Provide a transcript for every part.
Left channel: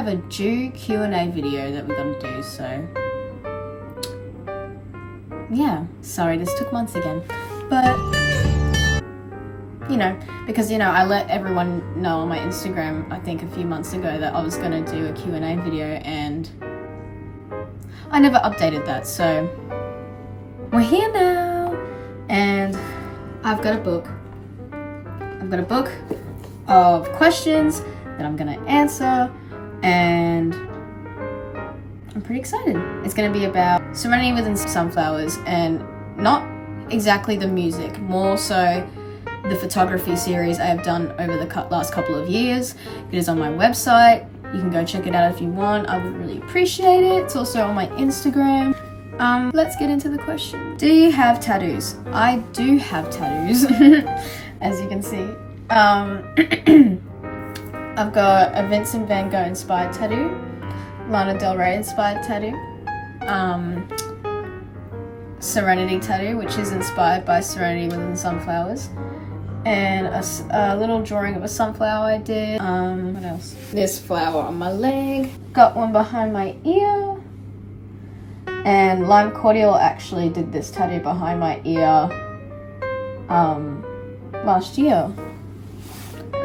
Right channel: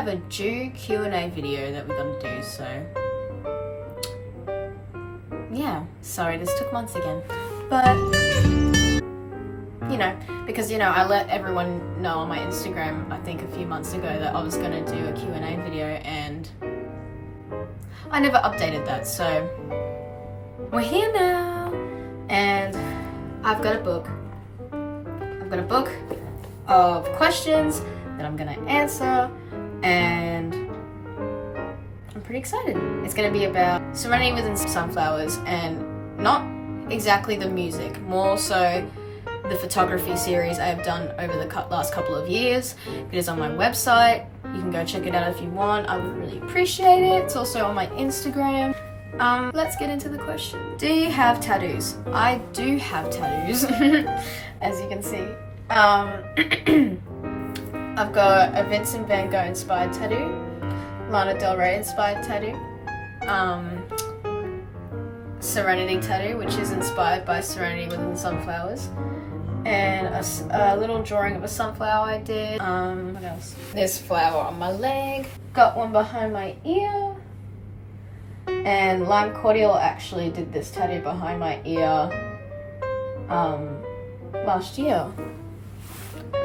have a due Q&A video that we gotta do, so yeah, sorry this took months again, but you know, because I let everyone know on my Instagram I think a few months ago that I was gonna do a Q&A video, and I never updated that, so we're here now, and I've got a book of questions that I'm gonna answer, and I'm pretty excited. It's gonna be about Serenity within sunflowers, and not exactly the music, more so the photography series I have done over the last couple of years. It is on my website. You can go check it out if you want. I would really appreciate it. It's also on my Instagram. Let's get into the question. Do you have tattoos? I do have tattoos, as you can see. I've got a Vincent van Gogh inspired tattoo, Lana Del Rey inspired tattoo, Serenity tattoo, which is inspired by Serenity within sunflowers, and a little drawing of a sunflower I did. What else? This flower on my leg. Got one behind my ear. And Lime Cordial actually did this tattoo behind my ear last year.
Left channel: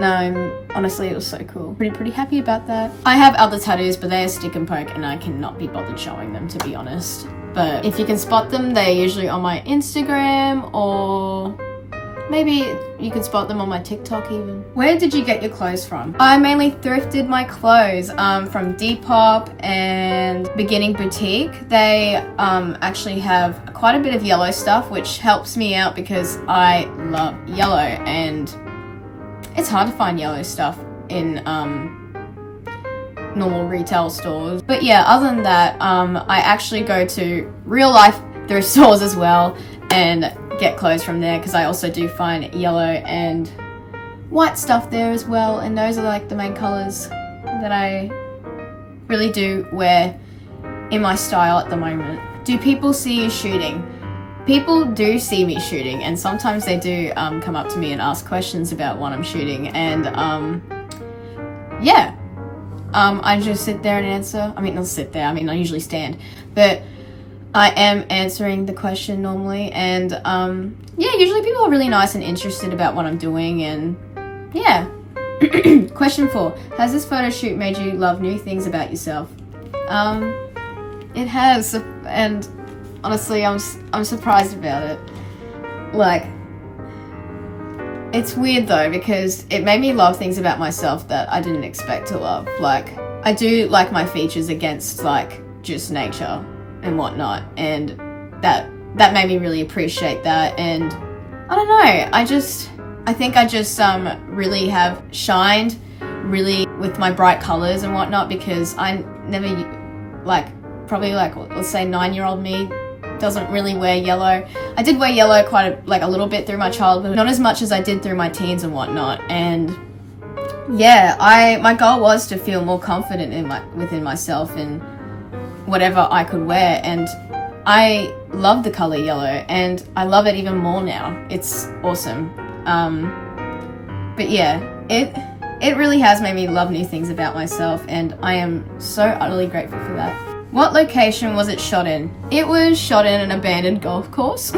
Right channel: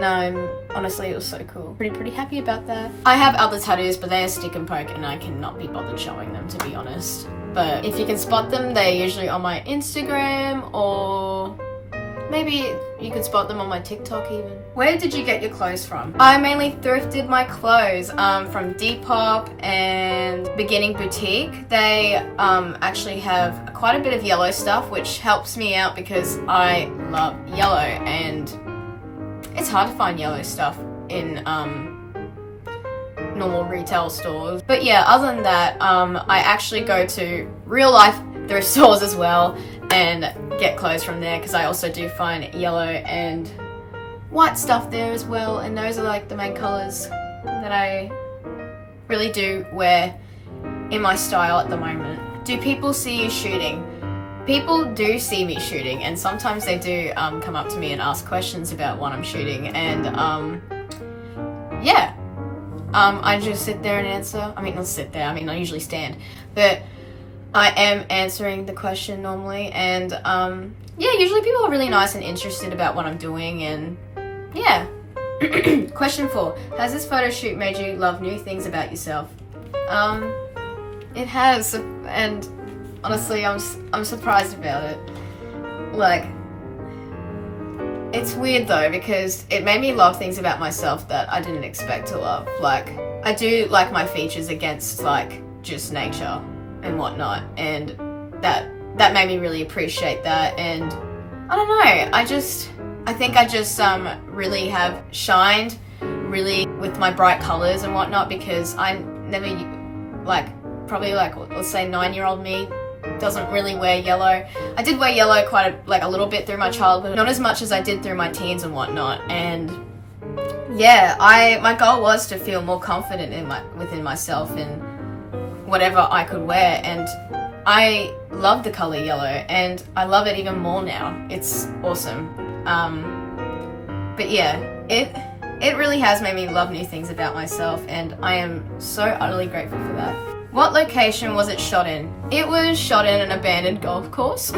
And honestly, it was so cool. Pretty happy about that. I have other tattoos, but they are stick and poke, and I cannot be bothered showing them, to be honest. But if you can spot them, they're usually on my Instagram, or maybe you can spot them on my TikTok even. Where did you get your clothes from? I mainly thrifted my clothes from Depop and Beginning Boutique. They actually have quite a bit of yellow stuff, which helps me out because I love yellow, and it's hard to find yellow stuff in normal retail stores. But yeah, other than that, I actually go to real life thrift stores as well and get clothes from there, because I also do find yellow and white stuff there as well, and those are like the main colors that I really do wear in my style at the moment. Do people see you shooting? People do see me shooting, and sometimes they do come up to me and ask questions about what I'm shooting, and yeah, I just sit there and answer. I mean, not sit there, I mean, I usually stand, but I am answering the question normally, and yeah, usually people are really nice and interested about what I'm doing, and yeah. Question 4. Has this photo shoot made you love new things about yourself? It has, and honestly, I'm surprised about it. Like, it's weird though, because it made me love things about myself that I didn't expect to love. Like, I do like my features against like just nature and whatnot, and that made me really appreciate that. And I don't know, I think I just really have shined really with my bright colors and whatnot, because I never, like, probably like, let's say 9-year-old me doesn't really wear yellow. I did wear yellow quite a little bit through my childhood, not as much as I did through my teens and whatnot. And yeah, my goal was to feel more confident within myself and whatever I could wear, and I love the color yellow, and I love it even more now. It's awesome. But yeah, it really has made me love new things about myself, and I am so utterly grateful for that. What location was it shot in? It was shot in an abandoned golf course. So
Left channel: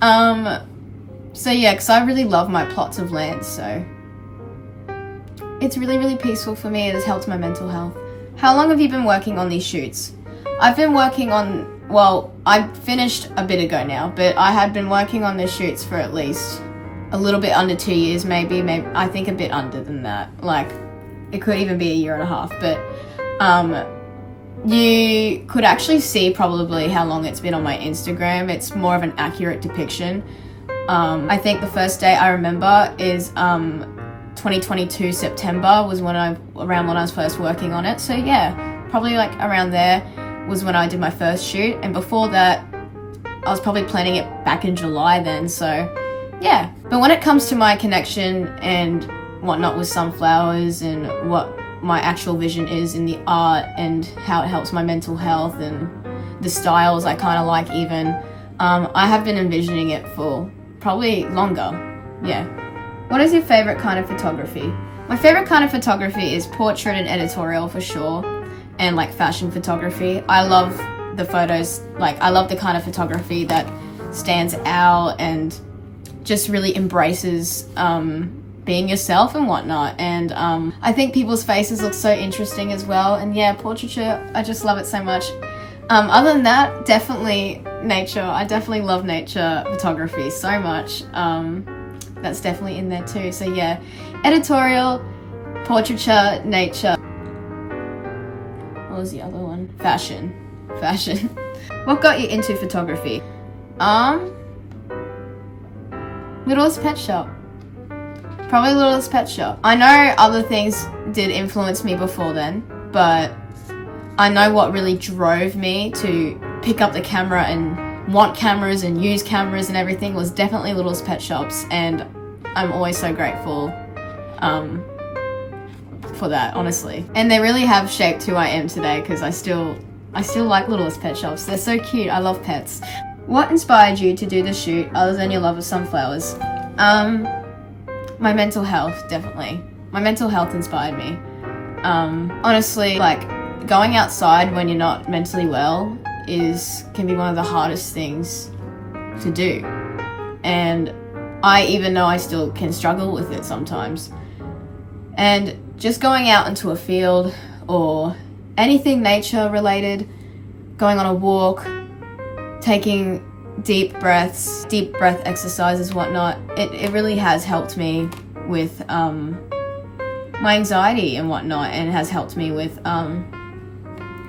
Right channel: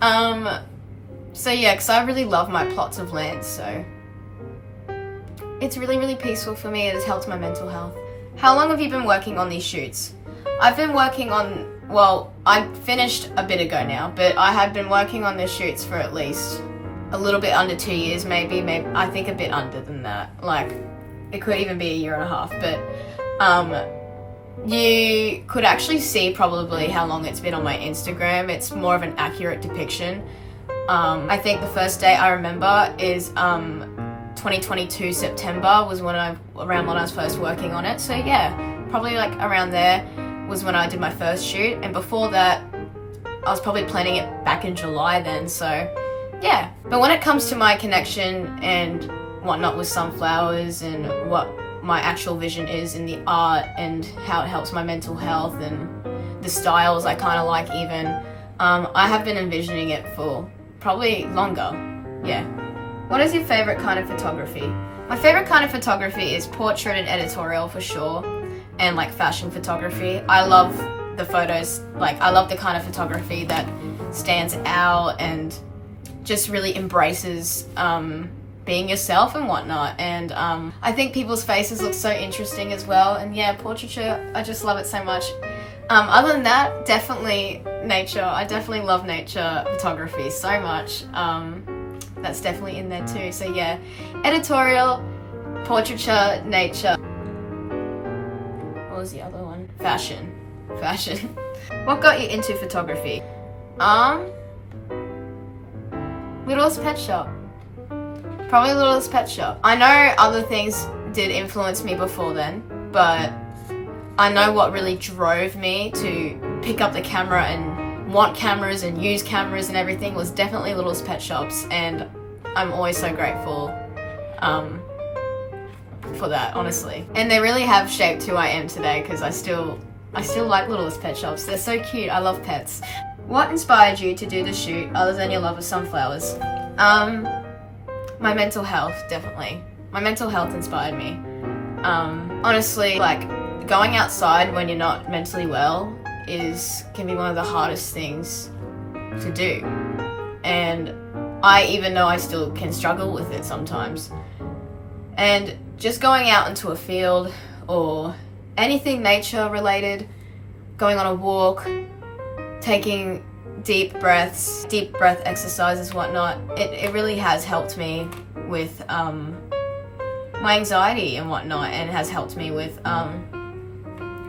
yeah, because I really love my plots of land, so it's really peaceful for me. It has helped my mental health. How long have you been working on these shoots? I've been working on, well, I finished a bit ago now, but I had been working on the shoots for at least a little bit under 2 years, maybe I think a bit under than that. Like, it could even be a year and a half, but you could actually see probably how long it's been on my Instagram. It's more of an accurate depiction. I think the first day I remember is 2022 September was around when I was first working on it. So yeah, probably like around there was when I did my first shoot, and before that I was probably planning it back in July then, so yeah. But when it comes to my connection and whatnot with sunflowers and what my actual vision is in the art and how it helps my mental health and the styles I kind of like even, I have been envisioning it for probably longer, yeah. What is your favorite kind of photography? My favorite kind of photography is portrait and editorial for sure, and like fashion photography. I love the photos, like I love the kind of photography that stands out and just really embraces being yourself and whatnot. And I think people's faces look so interesting as well. And yeah, portraiture, I just love it so much. Other than that, definitely nature. I definitely love nature photography so much. That's definitely in there too. So yeah, editorial, portraiture, nature. What was the other one? Fashion. What got you into photography? Littlest Pet Shop. Probably Littlest Pet Shop. I know other things did influence me before then, but I know what really drove me to pick up the camera and want cameras and use cameras and everything was definitely Littlest Pet Shops, and I'm always so grateful for that, honestly. And they really have shaped who I am today, because I still like Littlest Pet Shops. They're so cute. I love pets. What inspired you to do the shoot other than your love of sunflowers? My mental health, definitely. My mental health inspired me. Honestly, like, going outside when you're not mentally well can be one of the hardest things to do. And I even know I still can struggle with it sometimes. And just going out into a field or anything nature related, going on a walk, taking deep breath exercises, whatnot, it really has helped me with my anxiety and whatnot, and it has helped me with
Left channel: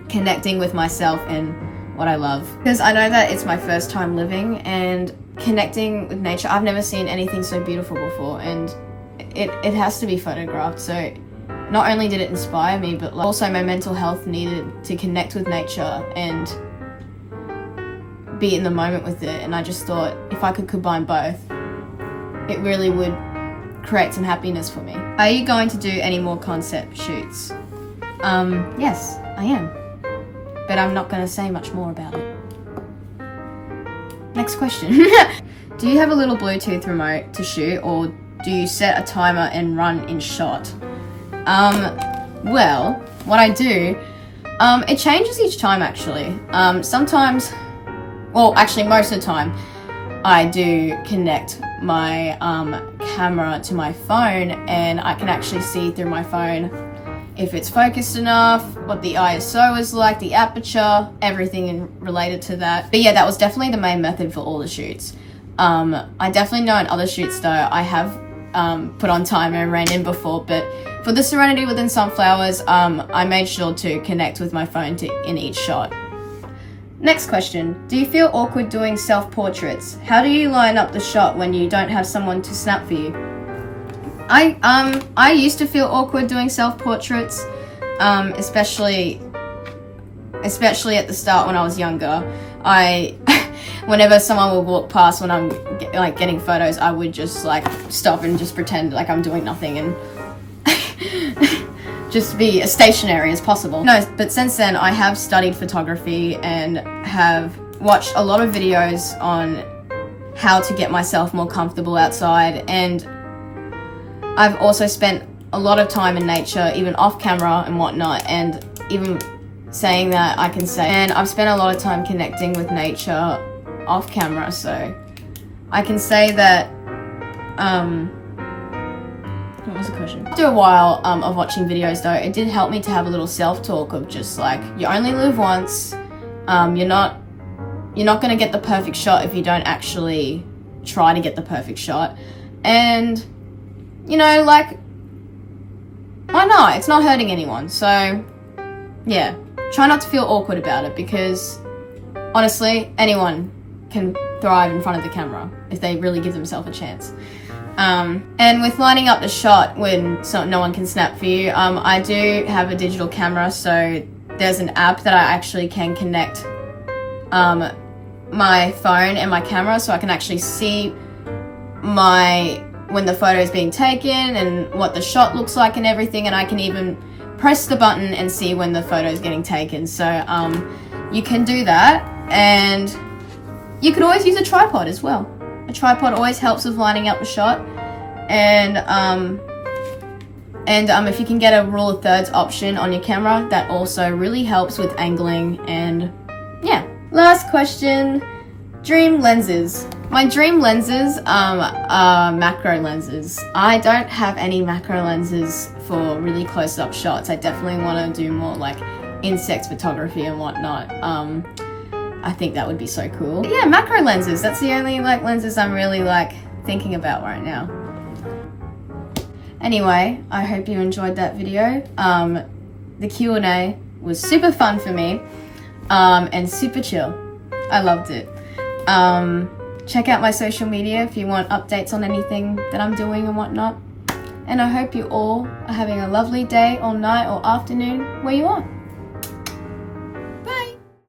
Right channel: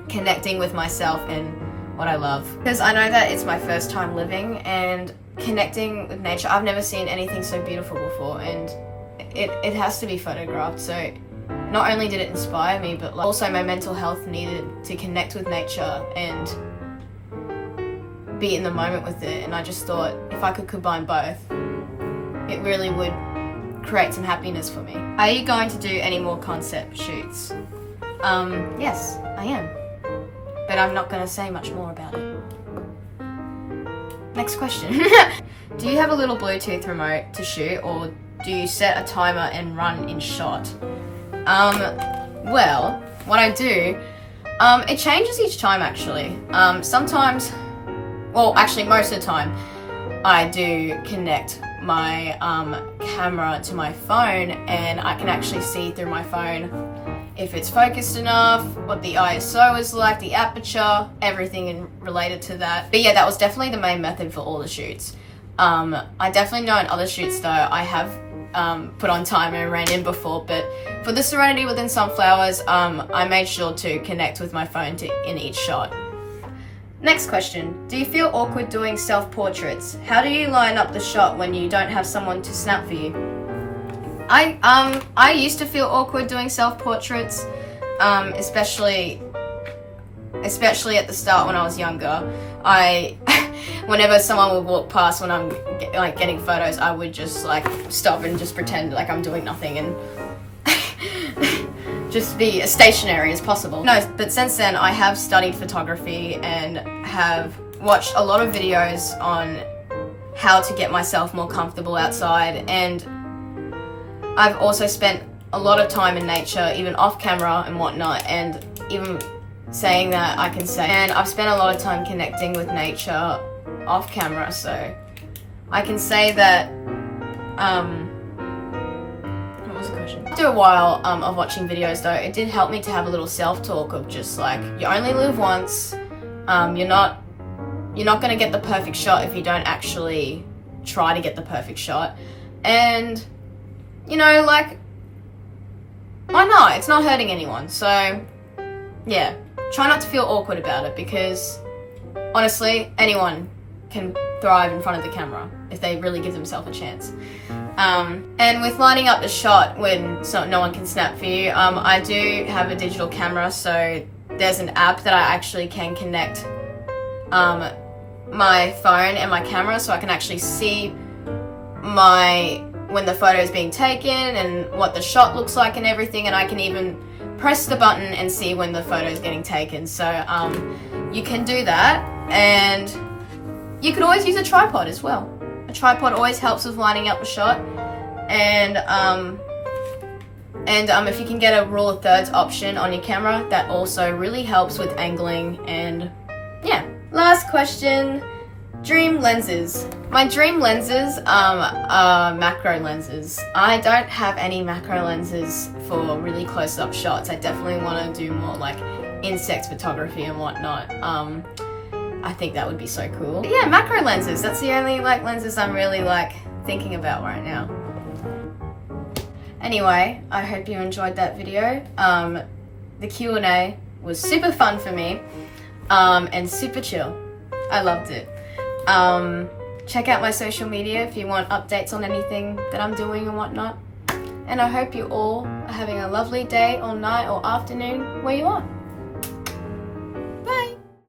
connecting with myself and what I love. Because I know that it's my first time living and connecting with nature. I've never seen anything so beautiful before, and it has to be photographed. So not only did it inspire me, but like also my mental health needed to connect with nature and be in the moment with it. And I just thought if I could combine both, it really would create some happiness for me. Are you going to do any more concept shoots? Yes, I am. But I'm not going to say much more about it. Next question. Do you have a little Bluetooth remote to shoot, or do you set a timer and run in shot? Well, what I do, it changes each time actually. Sometimes, well, actually most of the time, I do connect my camera to my phone, and I can actually see through my phone if it's focused enough, what the ISO is like, the aperture, everything related to that. But yeah, that was definitely the main method for all the shoots. I definitely know in other shoots though, I have put on timer and ran in before, but for the Serenity within Sunflowers, I made sure to connect with my phone in each shot. Next question. Do you feel awkward doing self-portraits? How do you line up the shot when you don't have someone to snap for you? I used to feel awkward doing self-portraits, especially at the start when I was younger. Whenever someone would walk past when I'm getting photos, I would just like stop and just pretend like I'm doing nothing and just be as stationary as possible. No, but since then I have studied photography and have watched a lot of videos on how to get myself more comfortable outside, and I've also spent a lot of time in nature, even off camera and whatnot, and even saying that I can say, and I've spent a lot of time connecting with nature off camera, so I can say that, what was the question? After a while of watching videos though, it did help me to have a little self-talk of just like, you only live once, you're not gonna get the perfect shot if you don't actually try to get the perfect shot, and you know, like, why not? It's not hurting anyone, so yeah, try not to feel awkward about it, because honestly, anyone can thrive in front of the camera if they really give themselves a chance. And with lining up the shot when no one can snap for you, I do have a digital camera, so there's an app that I actually can connect my phone and my camera, so I can actually see when the photo is being taken and what the shot looks like and everything, and I can even press the button and see when the photo is getting taken. So you can do that, and you could always use a tripod as well. A tripod always helps with lining up the shot, and And if you can get a rule of thirds option on your camera, that also really helps with angling. And yeah. Last question, dream lenses. My dream lenses are macro lenses. I don't have any macro lenses for really close-up shots. I definitely want to do more like insect photography and whatnot. I think that would be so cool. But yeah, macro lenses. That's the only like lenses I'm really like thinking about right now. Anyway, I hope you enjoyed that video. The Q&A was super fun for me, and super chill. I loved it. Check out my social media if you want updates on anything that I'm doing and whatnot. And I hope you all are having a lovely day or night or afternoon where you are.